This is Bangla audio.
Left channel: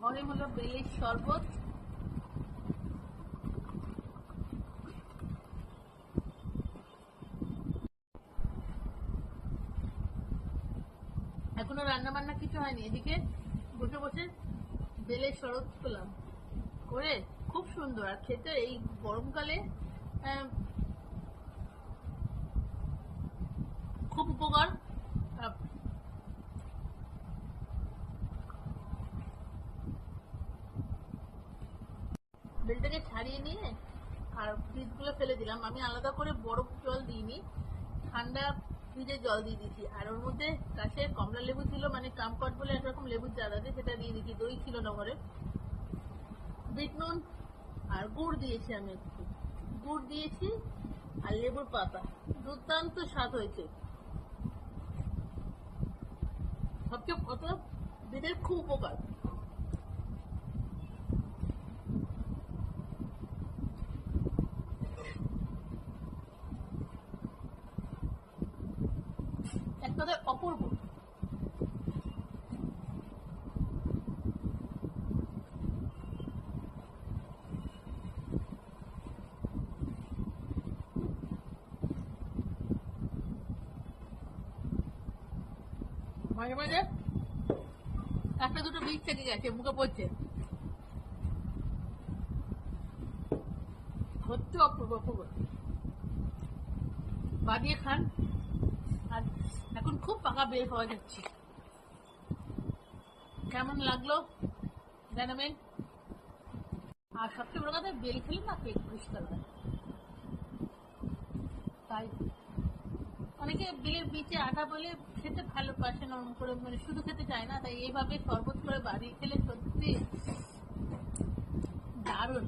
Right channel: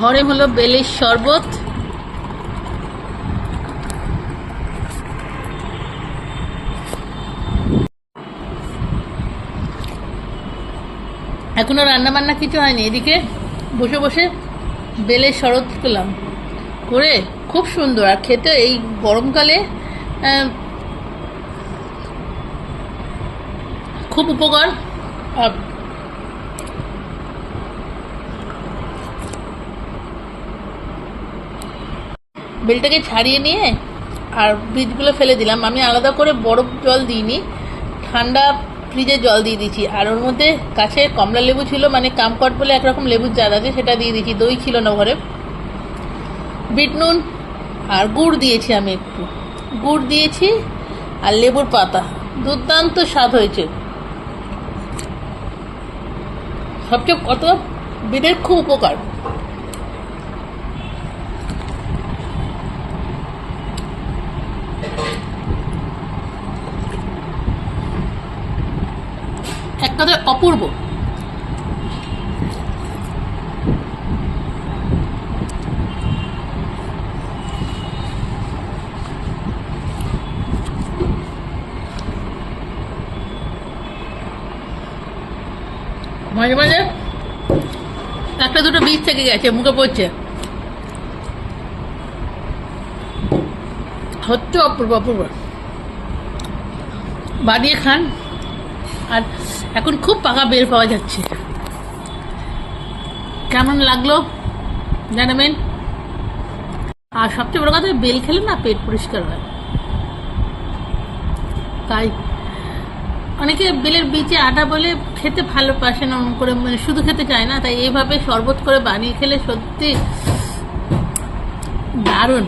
ঘরে হলো বেলের শরবত। এখনো রান্না বান্না কিছু হয়নি, এদিকে বসে বসে বেলের শরবত করলাম করে, খুব সুন্দর। আর খেতে এই গরমকালে খুব উপকার। আর বেলটাকে ছাড়িয়ে নিয়ে আর বীজগুলো ফেলে দিলাম। আমি আলাদা করে বরফ জল দিইনি, ঠান্ডা ফ্রিজে জল দিয়ে দিয়েছি। আর ওর মধ্যে কাছে কমলা লেবু ছিল, মানে কামকট বলে একরকম লেবুর জাত আছে, সেটা দিয়ে দিয়েছি। দই ছিল না ঘরে। বিট নুন আর গুড় দিয়েছি, আমি একটু গুড় দিয়েছি আর লেবুর পাতা। দুর্দান্ত স্বাদ হয়েছে। সবচেয়ে কত বেলের খুব উপকার। এক কথায় অপূর্ব। মাঝে মাঝে একটা দুটো বীজ থেকে গেছে, মুখে পড়ছে। হচ্ছে অপূর্ব অপূর্ব। বানিয়ে খান। আর এখন খুব পাকা বেল পাওয়া যাচ্ছে। কেমন লাগলো জানাবেন। আর সবচেয়ে বড় কথা, বেল খেলে না পেট পরিষ্কার হয়। তাই অনেকে বেলের বীজে আটা বলে খেতে ভালোবাসে না, অমন করে মানে শুধু খেতে চায় না। তাই এইভাবে শরবত করে বানিয়ে খেলে সত্যি দারুণ।